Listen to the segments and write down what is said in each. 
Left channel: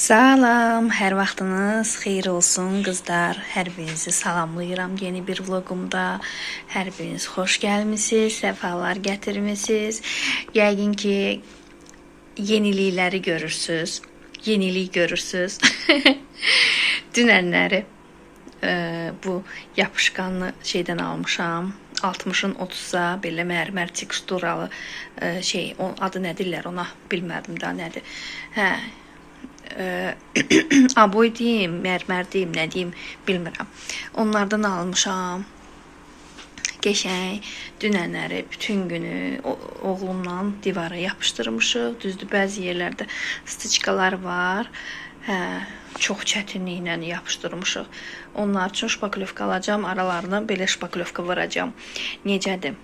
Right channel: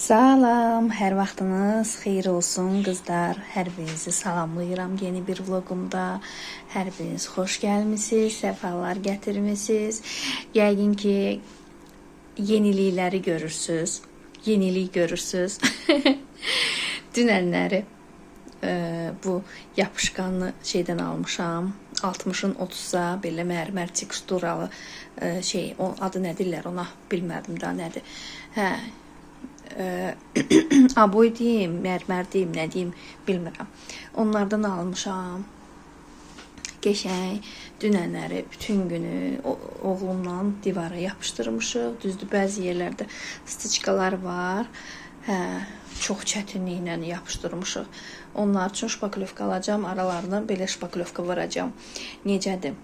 Salam, hər vaxtınız xeyir olsun qızlar. Hər birinizi salamlayıram yeni bir vlogumda. Hər biriniz xoş gəlmisiniz, səfalar gətirmisiniz. Yəqin ki yenilikləri görürsüz. Yenilik görürsüz. Dünənləri bu yapışqanlı şeydən almışam. 60-ın 30-a belə mərmər teksturalı o adı nə deyirlər ona bilmədim da nədir. Aboy deyim, mərmər deyim, nə deyim bilmirəm. Onlardan almışam. Qəşəng dünənləri bütün günü oğlumla divara yapışdırmışıq. Düzdür, bəzi yerlərdə stiçkalar var. Çox çətinliklə yapışdırmışıq. Onlar üçün şpaklyovka alacağım, aralarına belə şpaklyovka vuracağım. Necədir?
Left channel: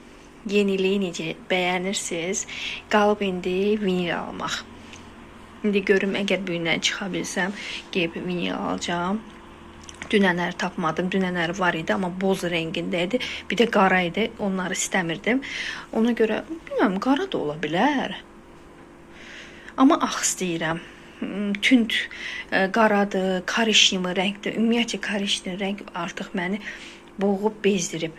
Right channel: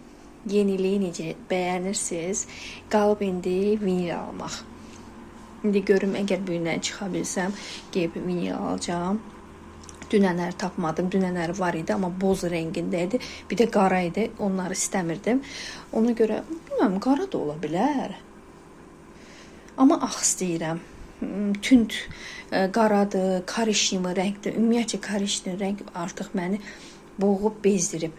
Yeniliyi necə bəyənirsiniz? Qalıb indi vinil almaq. İndi görüm, əgər bu gündən çıxa bilsəm, geyib vinil alacağım. Dünənləri tapmadım. Dünənləri var idi, amma boz rəngində idi. Bir də qara idi. Onları istəmirdim. Ona görə, bilməm, qara da ola bilər. Amma ağ istəyirəm. Tünd qaradır, karişnimi rəngdir. Ümumiyyətcə, karişnimi rəng artıq məni boğub bezdirib.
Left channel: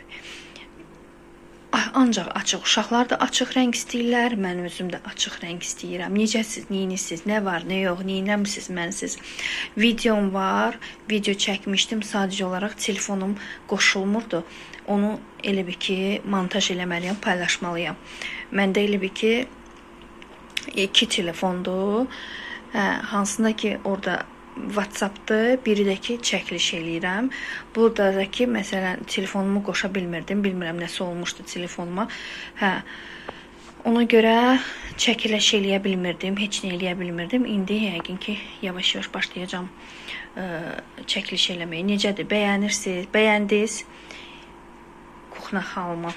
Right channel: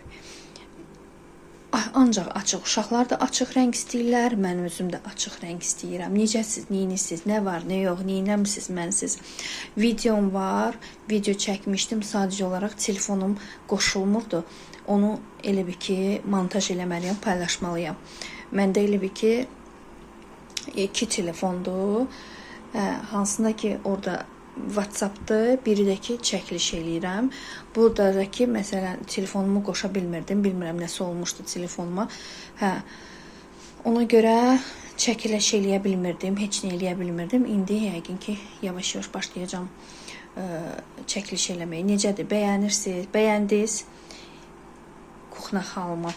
Ancaq açıq, uşaqlar da açıq rəng istəyirlər, mən özüm də açıq rəng istəyirəm. Necəsiz, neyiniz, nə var, nə yox, neynəmisiniz, mənsiz. Videom var, video çəkmişdim, sadəcə olaraq telefonum qoşulmurdu. Onu elə bir ki, montaj eləməliyəm, paylaşmalıyam. Məndə elə bir ki, 2 telefondur, hansında ki, orada WhatsApp'dır, biri də ki çəkiliş eləyirəm. Burada da ki, məsələn, telefonumu qoşa bilmirdim. Bilmirəm nəsə olmuşdu telefonuma. Ona görə çəkiliş eləyə bilmirdim, heç nə eləyə bilmirdim. İndi yəqin ki, yavaş-yavaş başlayacağım çəkiliş eləməyə. Necədir? Bəyənirsiniz? Bəyəndiniz? Kuxna xalıma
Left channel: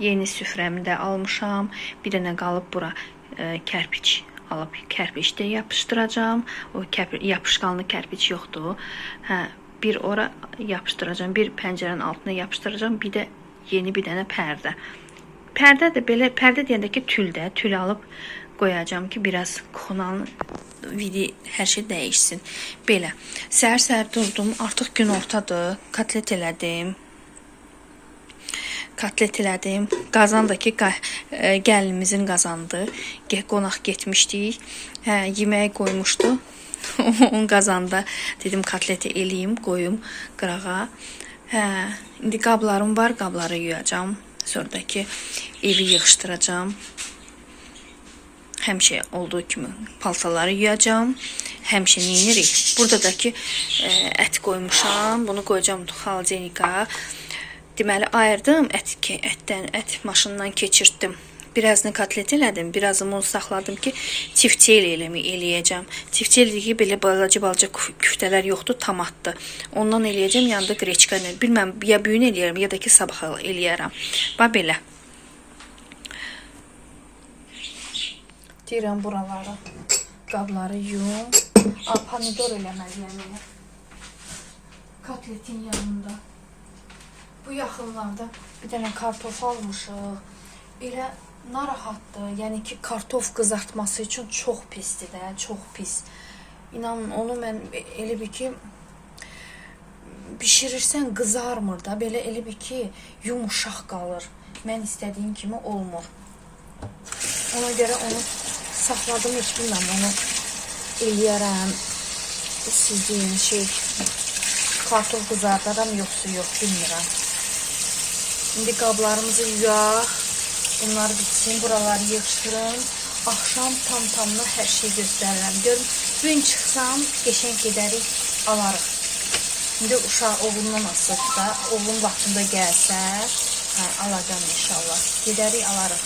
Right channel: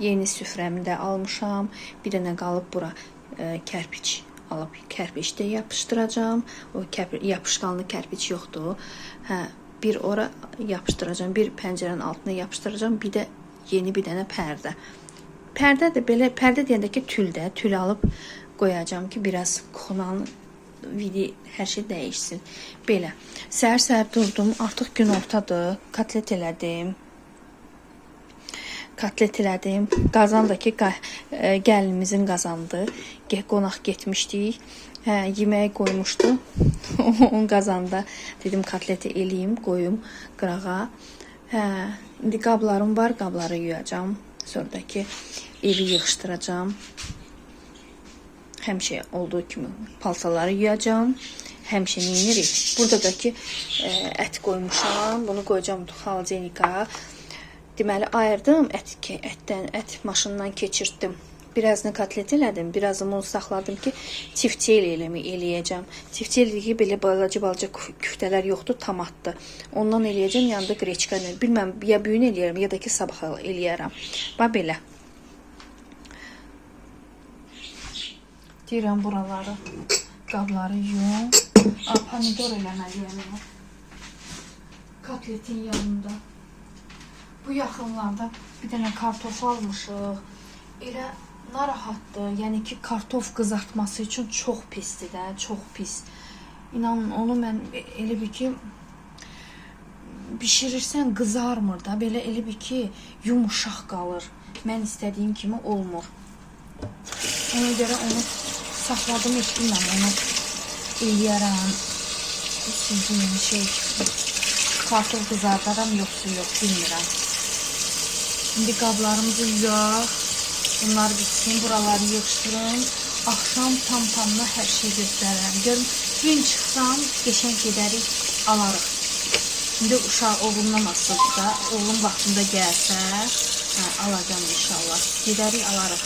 yeni süfrəmdə almışam. Bir dənə qalıb bura kərpiç alıb kərpiçdə yapışdıracağım. O yapışqanlı kərpiç yoxdur. Bir ora yapışdıracağım, bir pəncərənin altına yapışdıracağım. Bir də yeni bir dənə pərdə. Pərdə də belə, pərdə deyəndə ki tül alıb qoyacağım ki biraz kuxunanın vidi hər şey dəyişsin. Belə. Səhər-səhər durdum. Artıq gün ortadır. Kotlet elədim. Qazandakı gəlinimizin qazandı. Qonaq getmişdik. Yeməyi qoymuşdu. On qazanda dedim kotleti eləyim, qoyum qırağa. İndi qablarım var, qabları yuyacağım. Sonradakı evi yığışdıracağım. Həmişə olduğu kimi paltaları yuyacağım. Həmişə neyinirik? Burada da ki ət qoymuşam. Bunu qoyacağım xalcenika. Deməli, ayırdım, ət maşından keçirtdim. Birazını kotlet elədim, birazını onu saxladım ki, tiftel eləyəcəm. Tiftel ki, belə balaca küftələr yoxdur, tomatdır. Ondan eləyəcəm, yanında qreçka. Bilməm, ya büyün eləyərəm, ya da ki, sabah eləyərəm. Bax, belə. Deyirəm, buraları, qabları yum. Pomidor eləməliyəm. Kotletin yanında. Bu yaxınlarda bir dənə kartof almışıq. Elə narahatdır. Yəni ki, kartof qızartması üçün çox pisdir də, çox pis. İnanın, onu mən elə bir ki, bişirirsən qızarmır da, belə elə bir ki, yumuşaq qalır. Mən istədiyim kimi olmur. Ona görə onu saxladım, bilməm, onu eləyərəm. Sizin kartof qızardaram, yoxsa yox, bilmirəm. İndi qablarımızı yuyaq. Bunlar bitsin, buraları yığışdırın. Axşam tam-tamına hər şey göstərirəm. Görün, gün çıxsam, qəşəng gedərik, alarıq. İndi uşaq oğlumdan asıldı da, oğlum vaxtında gəlsə, alacağım inşallah. Gedərik, alarıq.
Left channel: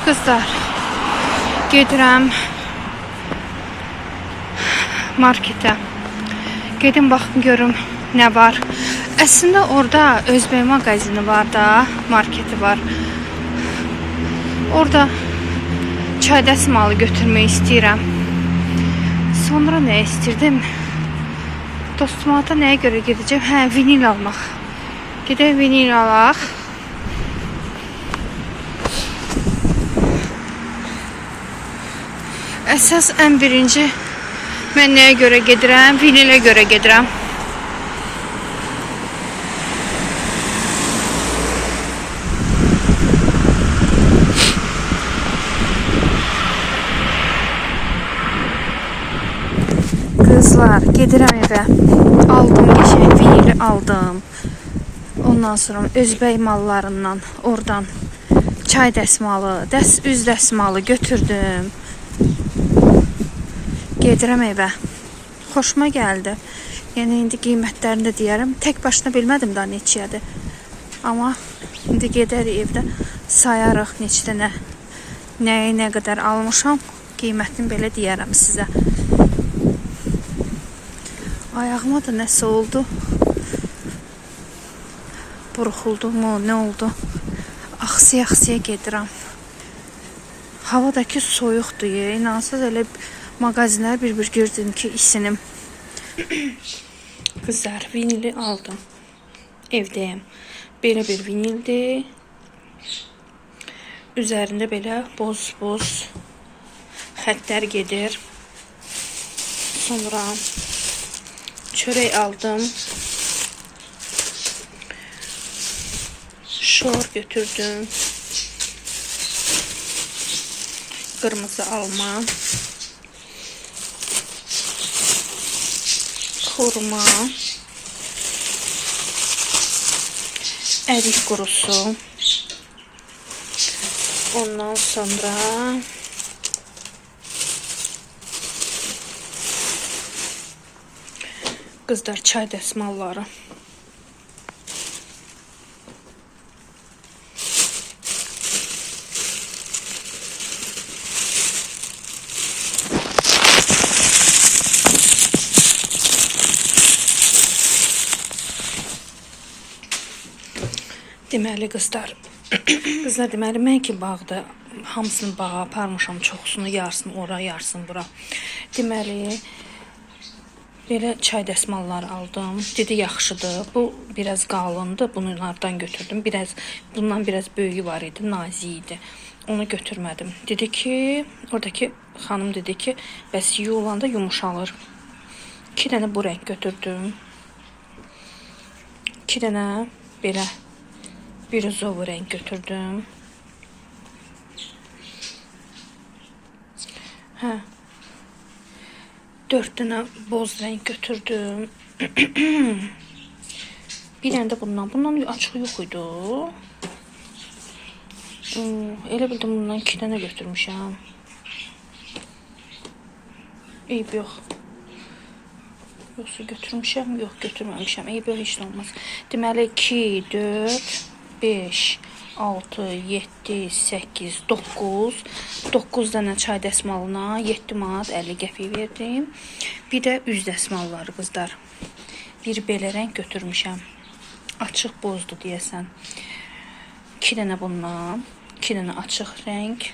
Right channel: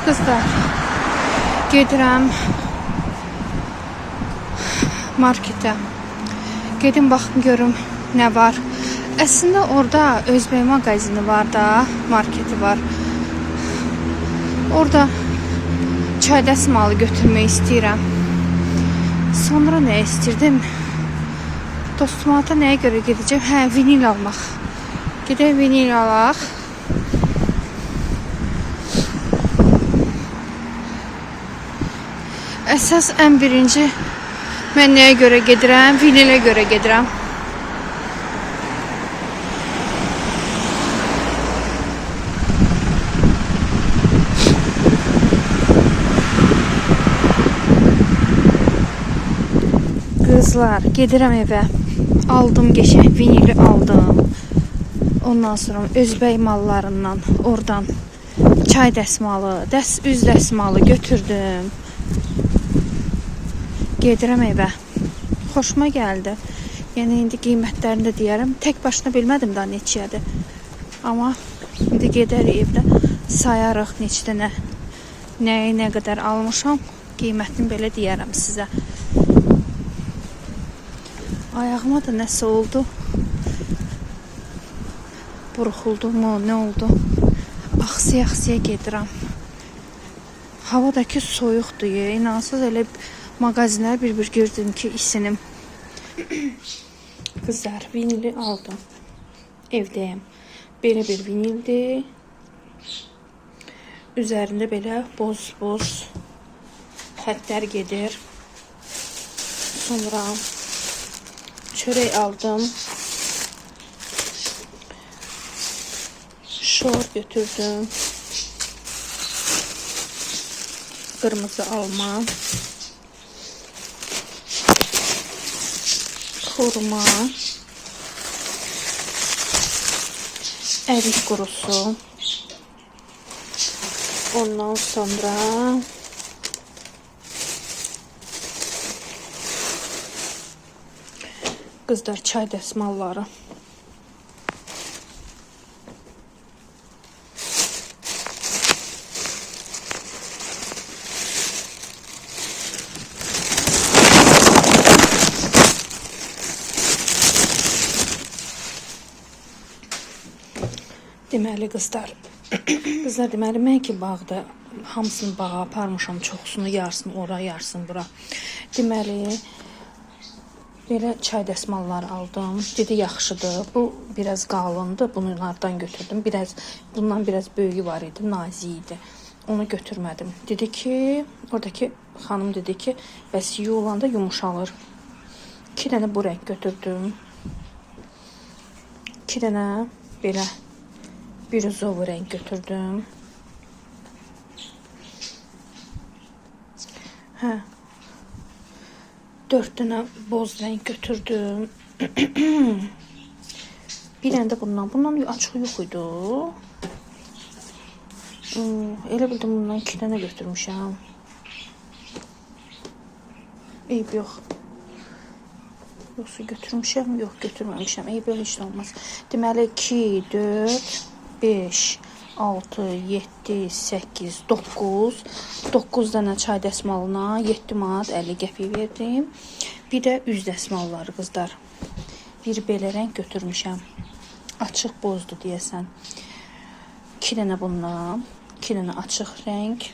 Qızlar, gedirəm marketə. Gedim baxım görüm nə var. Əslində orada Özbək mağazini var da, marketi var. Orada çay dəsmalı götürmək istəyirəm. Sonra nə istirdim? Dostuma da nəyə görə gedəcəm? Hə, vinil almaq. Gedək vinil alaq. Əsas ən birinci mən nəyə görə gedirəm? Vinilə görə gedirəm. Qızlar, gedirəm evə. Aldım geçen vinili aldım. Ondan sonra Özbək mallarından oradan çay dəsmalı, üz dəsmalı götürdüm. Gedirəm evə. Xoşuma gəldi. Yəni indi qiymətlərini də deyərəm. Tək başına bilmədim daha neçədir. Amma indi gedərik evdə sayarıq neçə dənə nəyi nə qədər almışam. Qiymətini belə deyərəm sizə. Ayağıma da nəsə oldu. Burxuldu mu, nə oldu? Axsiya gedirəm. Havadakı soyuqdur. İnansız elə mağazinə bir gördüm ki isinim. Kızlar, vinili aldım. Evdəyim. Belə bir vinildir. Üzərində belə boz xəttlər gedir. Sonra çörək aldım. Şor götürdüm. Kırmızı alma. Xurma. Ərik qurusu. Ondan sonra qızlar çay dəsmalları. Deməli qızlar, deməli mən ki bağda hamısını bağa aparmışam, çoxsunu yarısını ora, yarısını bura. Deməli belə çay dəsmalları aldım. Dedi yaxşıdır. Bu biraz qalındı. Bunlardan götürdüm. Bundan biraz böyüyü var idi, nazik idi. Onu götürmədim. Dedi ki, oradakı xanım dedi ki, bəs yuyulanda yumuşalır. 2 dənə bu renk götürdüm. 2 dənə belə biruzov renk götürdüm. Hə. 4 dənə boz renk götürdüm. Bir dənə də bundan. Bundan açığı yox idi. Elə bildim bundan 2 dənə götürmüşəm. Eyb yox. Yoxsa götürmüşəm? Yox, götürməmişəm. Eyb yox, heç nə olmaz. Deməli 2, 4, 5, 6, 7, 8, 9. 9 dənə çay dəsmalına 7 manat 50 qəpik verdim. Bir də üz dəsmalları qızlar. Bir belə renk götürmüşəm. Açıq bozdu deyəsən. 2 dənə bundan, 2 dənə açıq renk,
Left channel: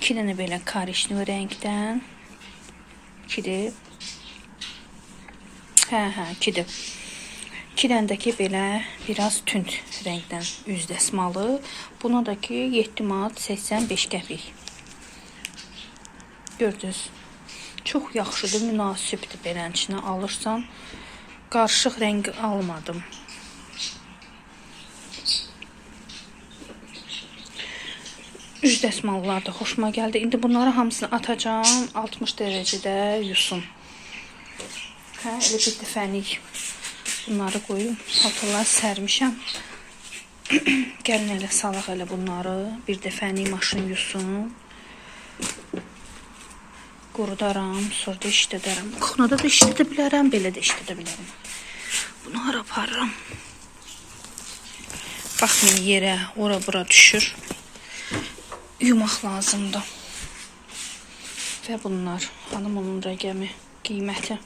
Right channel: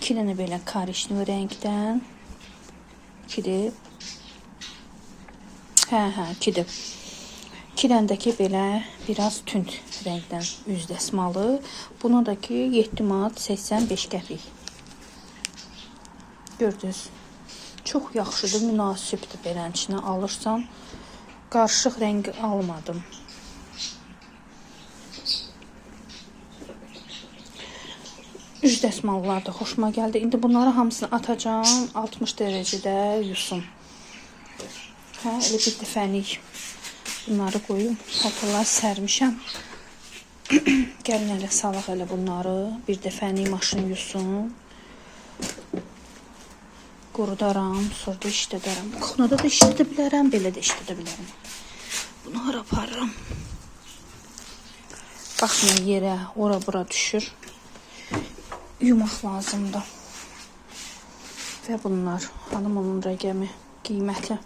2 dənə belə karışlı renkdən. 2-dir. Hə, 2-dir. 2 dənədəki belə biraz tünd renkdən üz dəsmalı. Buna da ki 7 manat 85 qəpik. Gördünüz. Çox yaxşıdır, münasibdir belənçinə alırsan. Qarışıq renk almadım. Üz dəsmallar da xoşuma gəldi. İndi bunları hamısını atacağım. 60 dərəcədə yusun. Hə, elə bir dəfəlik bunları qoyum. Paltarları sərmişəm. Gəlin elə salaq elə bunları. Bir dəfəlik maşın yusun. Qurudaram, sonra da işlədərəm. Kuxnada da işlədə bilərəm, belə də işlədə bilərəm. Bunları aparıram. Baxmayın yerə, ora bura düşür. yumaq lazımdır. Və bunlar. Hanım onun rəqəmi, qiyməti.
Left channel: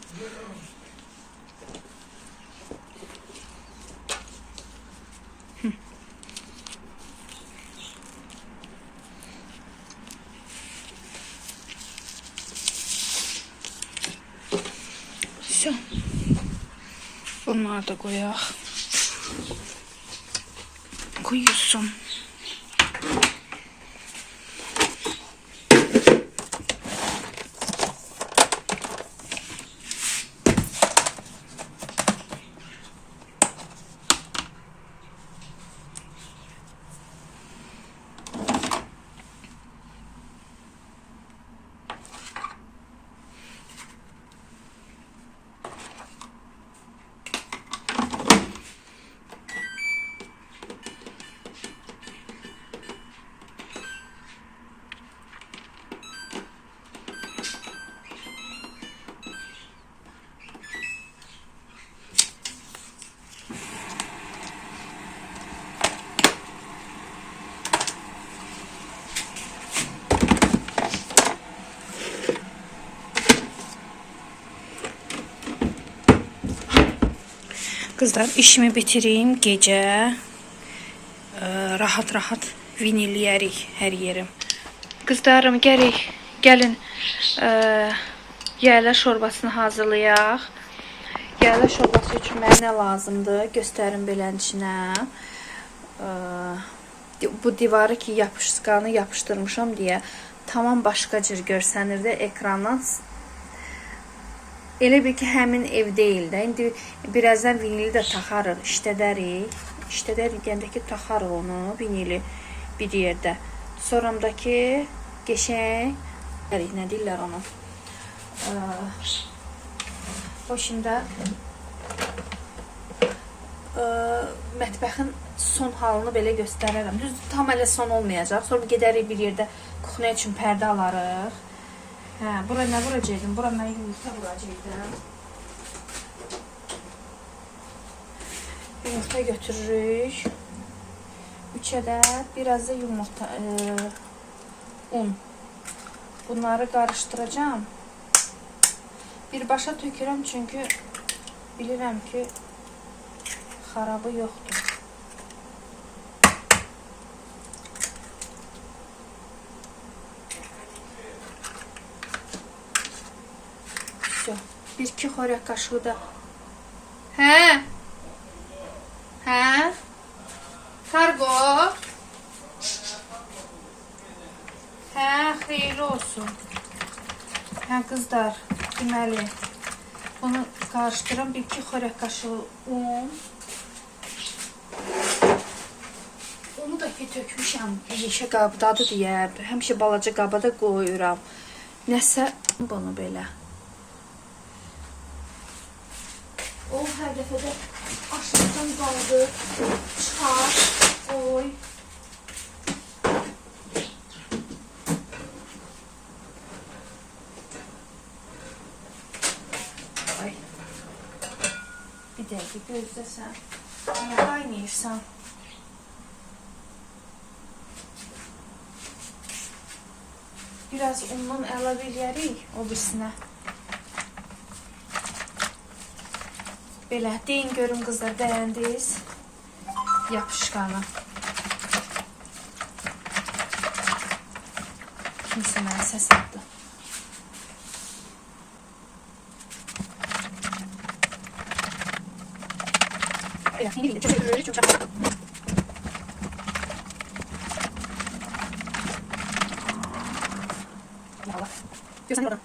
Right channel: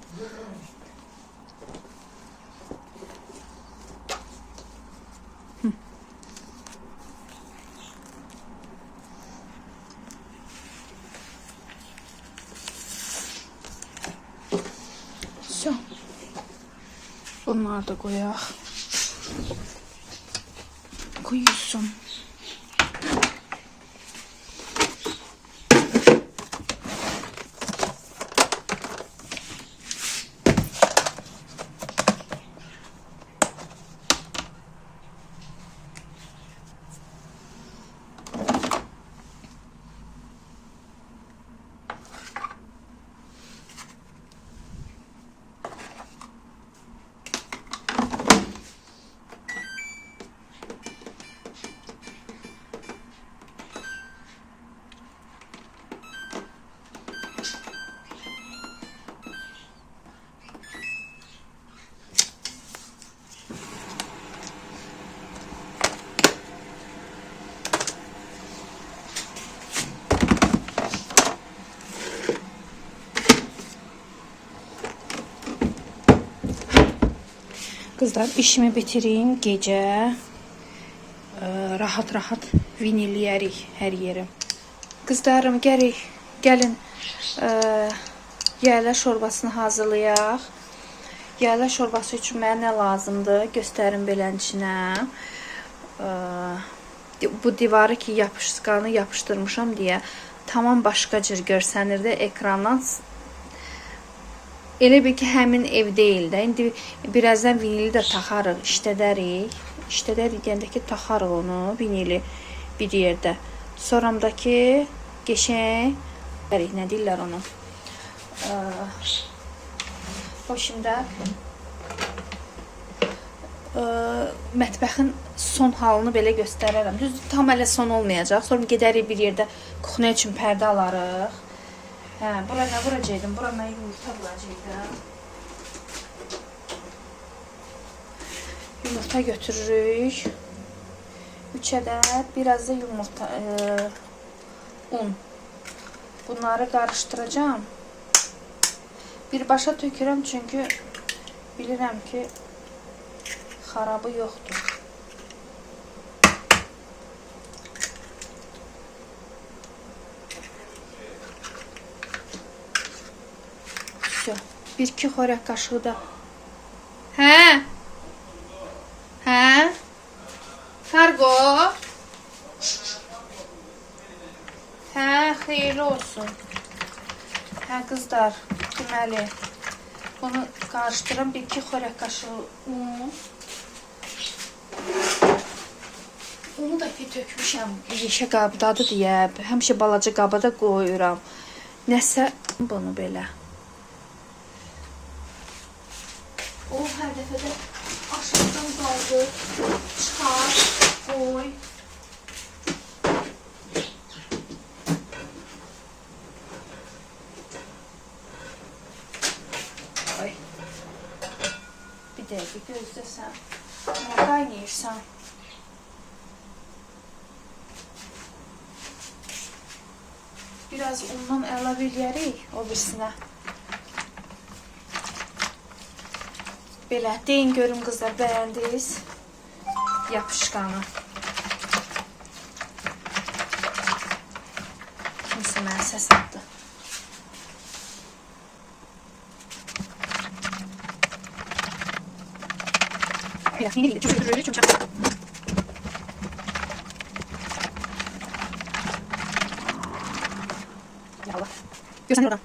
Bunları da qoyaq. Qoyulsun. Kızlar, işimi bitireyim gece. Rahat vinilləyərik hər yerim. Kızlarım, gəlin yayla şorbasını hazırlayaq. Yayla şorbası üçün mənə nə lazımdır? Göstərim belənçinə. Bu divarı ki yapışqanı yapışdırmışam deyə tamam başqa cür görsənir də ekrandan. Elə bil ki, həmin ev deyil də. İndi birazdan vinili də taxarıq, işlədərik. İşlədərik deyəndə ki, taxarıq onu, vinili bir yerdə. Sonramdakı geçən, nə deyirlər onu? O şimdi mətbəxin son halını belə göstərərəm. Düz tam elə son olmayacaq. Sonra gedərik bir yerdə kuxnya üçün pərdə alarıq. Bura nə vuracaqdım? Bura mən yumurta vuracaqdım. Yumurta götürürük. 3 ədəd, biraz da yumurta, un. Bunları qarışdıracağım. Birbaşa tökürəm çünki bilirəm ki xarabı yoxdur. Bir-iki xörək qaşığı da. Kargo. Xeyirli olsun. Qızlar, deməli, bunu qarışdıram. Bir-iki xörək qaşığı un. Onu da ki tökmüşəm yeşə qabdadır deyə. Həmişə balaca qabada qoyuram. Nəsə bunu belə. O hər dəfədə aşağıdan qaldı, çıxar, oy. Ay. Bir dəqiqə gözləsən, niyə qaynayırsan? Biraz undan əlavə eləyərik o birisinə. Belə, deyin görün qızlar, bəyəndiniz yapışqanı. Kimsə mənə səs atdı. Gözünü oradan.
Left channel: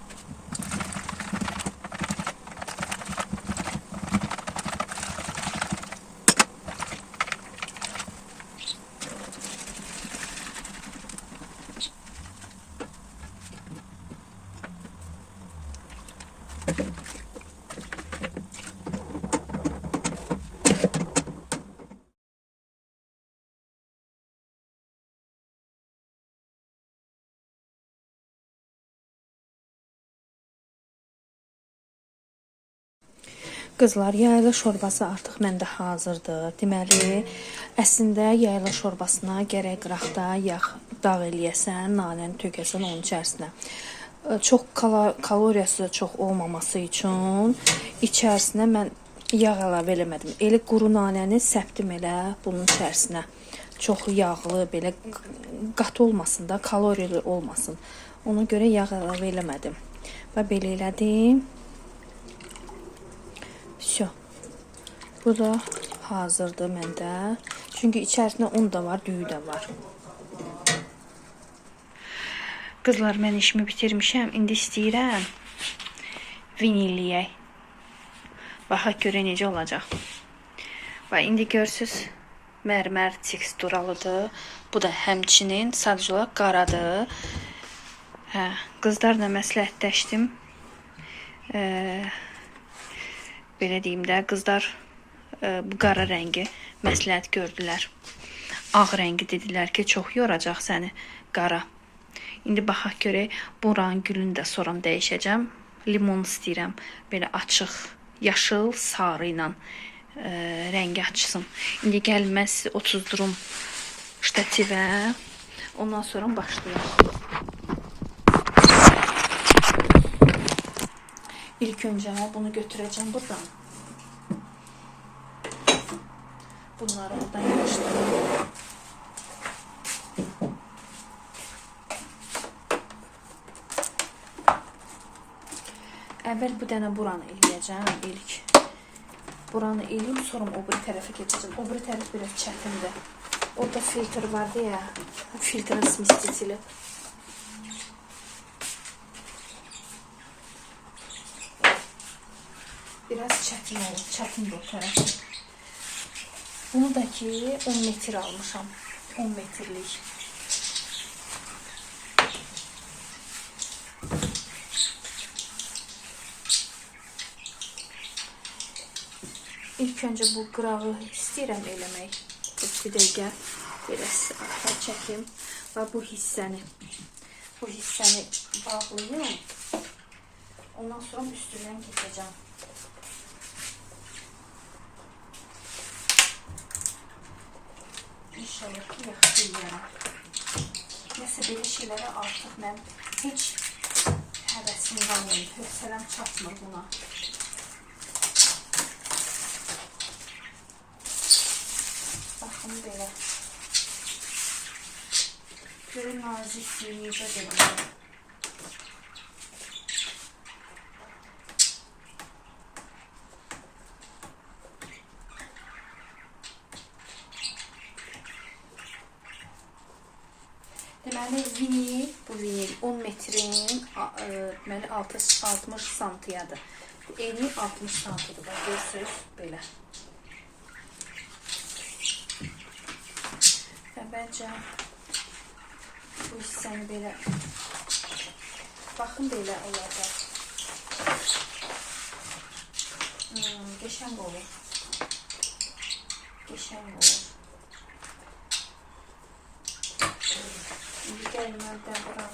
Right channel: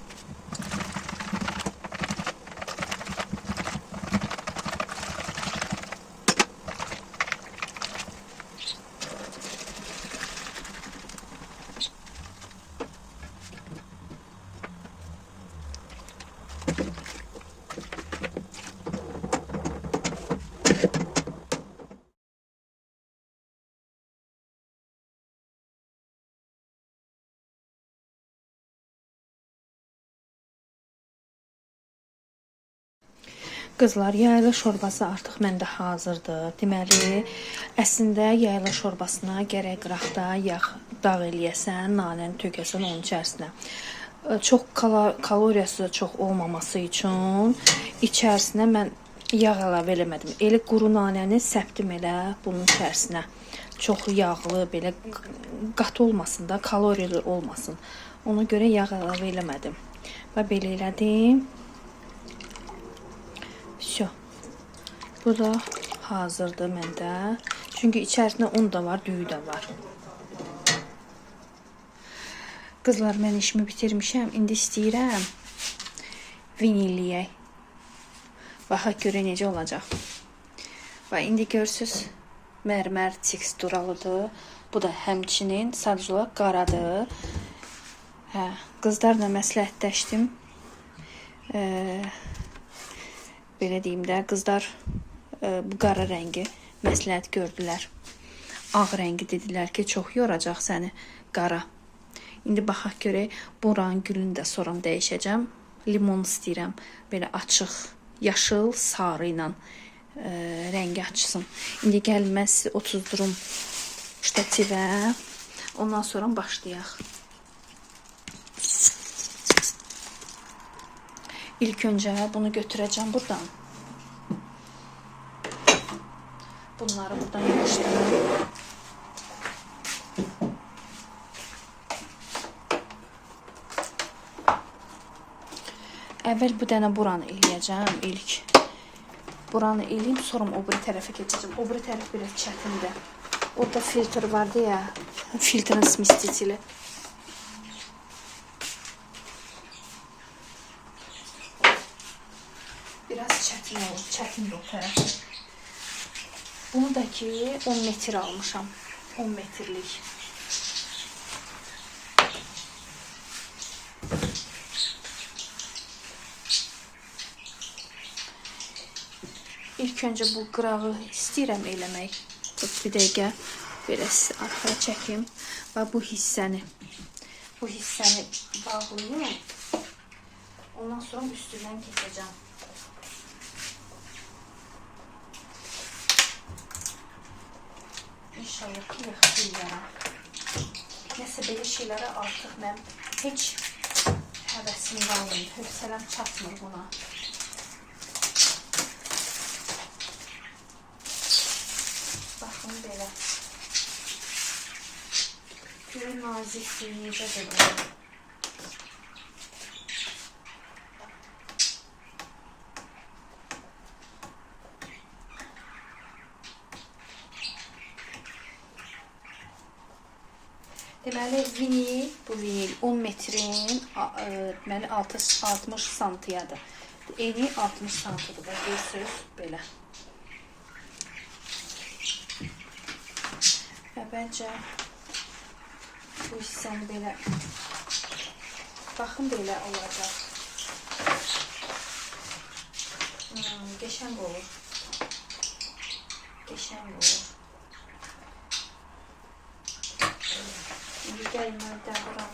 Qızlar, yayla şorbası artıq məndə hazırdır. Deməli, əslində yayla şorbasına gərək qıraqda yağ dağ eləyəsən, nanəni tökəsən onun içərisinə. Çox kaloriyası çox olmaması üçün içərisinə mən yağ əlavə eləmədim. Elə quru nanəni səpdim elə bunun içərisinə. Çox yağlı, belə qat olmasın da, kaloriyeli olmasın. Ona görə yağ əlavə eləmədim. Və belə elədim. Şu. Bu da hazırdır məndə. Çünki içərisində un da var, düyü də var. Qızlar, mən işimi bitirmişəm. İndi istəyirəm vinilliyək. Baxaq görə necə olacaq. Və indi görürsüz, mərmər teksturalıdır. Bu da həmçinin sadəcə olaraq qaradır. Qızlarla məsləhətləşdim. Belə deyim də, qızlar bu qara rəngi məsləhət gördülər. Ağ rəngi dedilər ki, çox yoracaq səni qara. İndi baxaq görək, buranın gülünü də sonra dəyişəcəm. Limon istəyirəm, belə açıq, yaşıl, sarı ilə rəngi açsın. İndi gəlin mən sizi otuzdurum ştativə, ondan sonra başlayaq. İlk öncə bunu götürəcəm buradan. Bunları buradan yığışdırıram. Əvvəl bu dənə buranı eləyəcəm ilk. Buranı eləyim, sonra o biri tərəfə keçəcəm. O biri tərəf biraz çətindir. Orada filtr vardı ya, filtrin smestitili. Biraz çətin olur, çətindir o tərəfi. Bunu da ki 10 metr almışam. 10 metrlik. İlk öncə bu qırağı istəyirəm eləmək. Bir dəqiqə belə arxa çəkim və bu hissəni bağlayayım. Ondan sonra üstündən keçəcəm. İnşallah ki, yaxşılayarım. Nəsə belə şeylərə artıq mən heç həvəsim qalmayıb. Hövsələm çatmır buna. Baxın belə. Görün nazikliyi necə qədər. Deməli, bu vinil 10 metrin deməli 60 santiyadır. Eni 60 santiyadır. Görürsünüz, belə. Və bəncə bu hissəni belə, baxın belə olacaq. Qəşəng olur. Qəşəng olur. İndi gəlin əldən buranı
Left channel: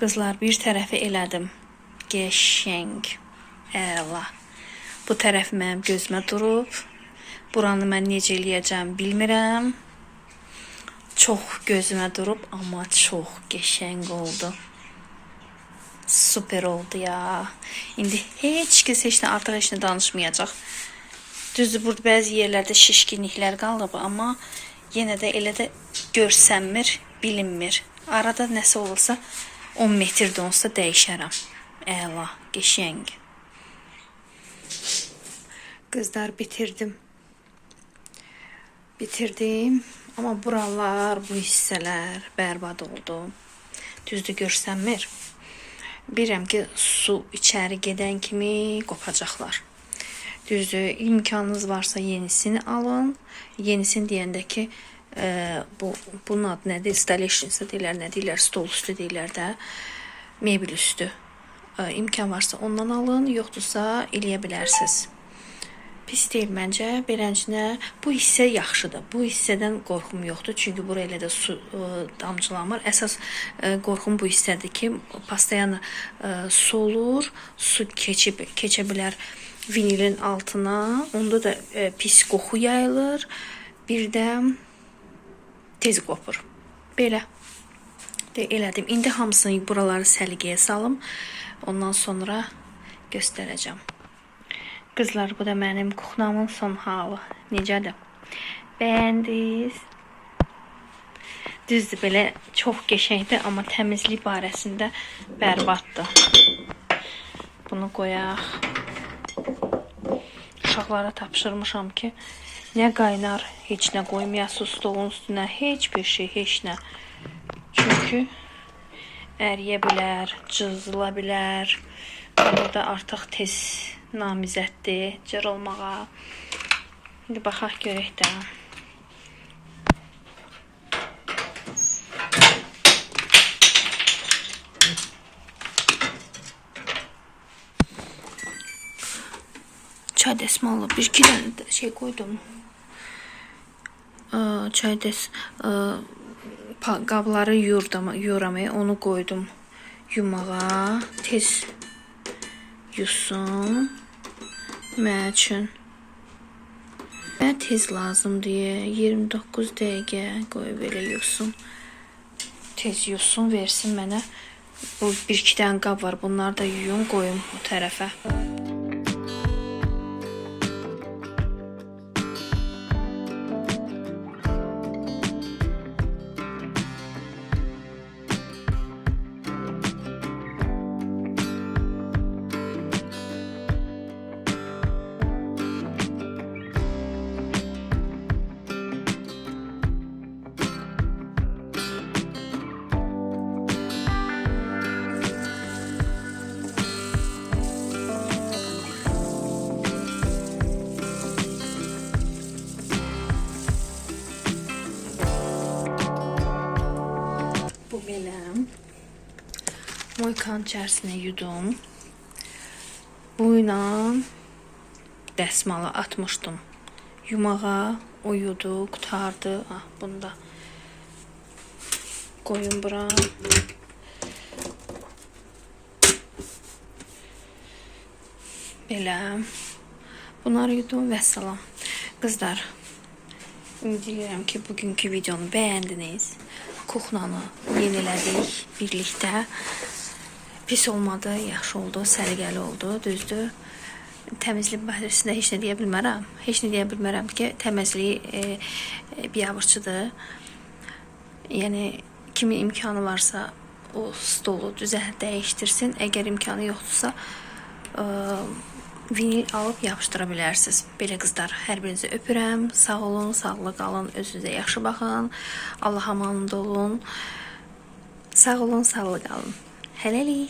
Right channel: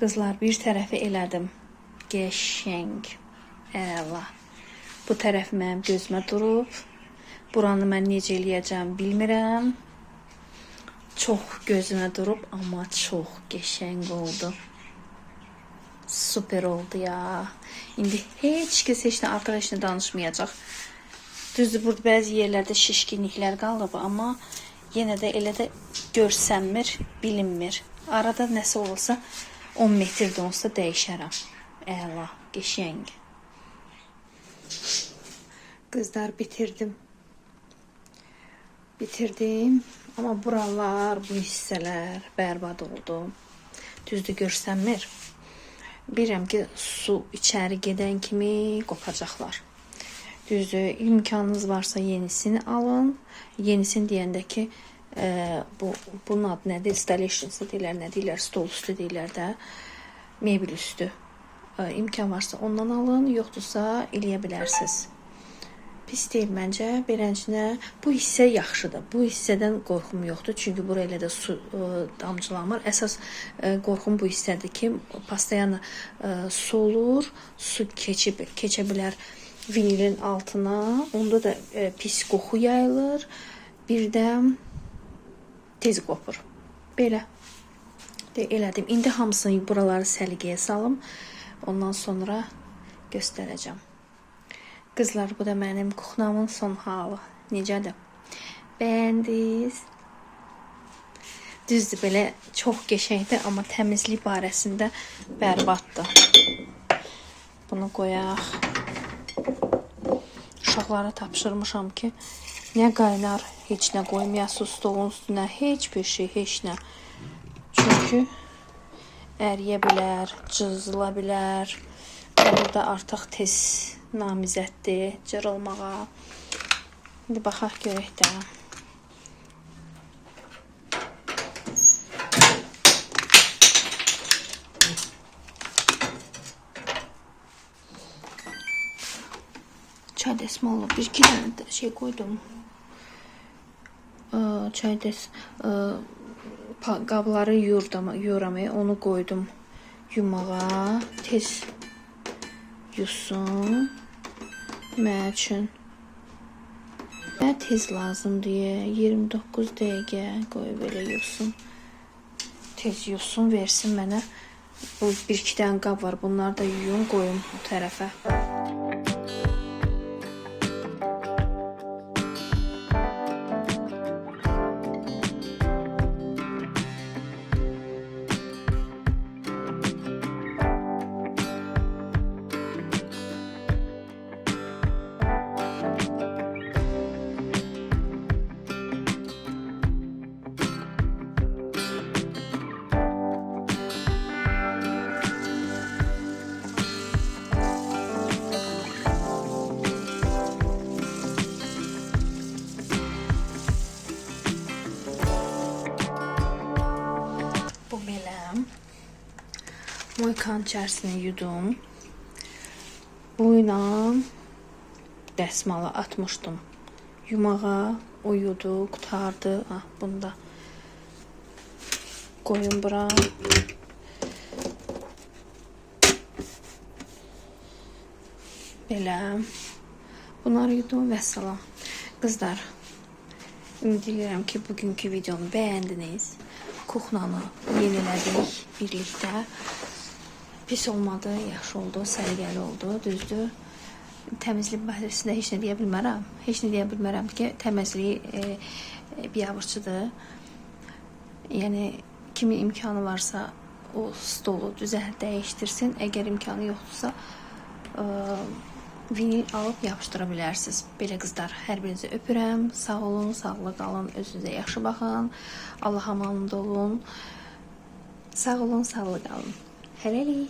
Qızlar, bir tərəfi elədim. Qəşəng. Əla. Bu tərəf mənim gözümə durub. Buranı mən necə eləyəcəm bilmirəm. Çox gözümə durub, amma çox qəşəng oldu. Super oldu ya. İndi heç kəs heç nə artıq heç nə danışmayacaq. Düzdür, burada bəzi yerlərdə şişkinliklər qalıb, amma yenə də elə də görsənmir, bilinmir. Arada nəsə olursa 10 metrdə olsa dəyişərəm. Əla, qəşəng. Qızlar, bitirdim. Amma buralar, bu hissələr bərbad oldu. Düzdür, görsənmir. Bilirəm ki, su içəri gedən kimi qopacaqlar. Düzdür, imkanınız varsa yenisini alın. Yenisini deyəndə ki, bunun adı nədir? Installation deyirlər, nə deyirlər? Stol üstü deyirlər də. Mebel üstü. İmkan varsa ondan alın, yoxdursa eləyə bilərsiniz. Pis deyil məncə. Beləncə, bu hissə yaxşıdır. Bu hissədən qorxum yoxdur. Çünki buraya elə də su damcılamır. Əsas qorxum bu hissədir ki, pastayanı su olur, su keçə bilər vinilin altına. Onda da pis qoxu yayılır. Bir də tez qopur. Belə. Elədim. İndi hamısını buraları səliqəyə salım. Ondan sonra göstərəcəm. Qızlar, bu da mənim kuxnamın son halı. Necədir? Bəyəndiniz? Düzdür, belə çox qəşəngdir, amma təmizlik barəsində bərbaddır. Bunu qoyaq. Uşaqlara tapşırmışam ki, nə qaynar, heç nə qoymayasınız stolun üstünə, heç bir şey, heç nə. Çünki əriyə bilər, cızıla bilər. Burada artıq tez namizəddir cır olmağa. İndi baxaq görək də. Çay dəsmalı bir-iki dənə şey qoydum. Çay qabları yuyuram, onu qoydum yumağa. Tez yusun. Mən üçün tez lazım deyə 29 dəqiqə qoyub elə yusun. Tez yusun, versin mənə. Bu bir-iki dənə qab var. Bunları da yuyun, qoyum bu tərəfə. Moykanın içərisinə yudum. Buyla dəsmalı atmışdım yumağa. O yudu, qutardı. Bunu da qoyun bura. Belə. Bunları yudum və salam. Qızlar, deyirəm ki, bugünkü videonu bəyəndiniz. Kuxnanı yenilədik birlikdə. Pis olmadı, yaxşı oldu, səliqəli oldu, düzdür. Təmizlik barəsində heç nə deyə bilmərəm. Heç nə deyə bilmərəm ki, təmizlik biabırçıdır. Yəni, kimin imkanı varsa o stolu dəyişdirsin. Əgər imkanı yoxdursa, vinil alıb yapışdıra bilərsiniz. Belə qızlar, hər birinizi öpürəm. Sağ olun, sağlıqlı qalın, özünüzə yaxşı baxın. Allah amanında olun. Sağ olun, sağlıqlı qalın. Hələlik.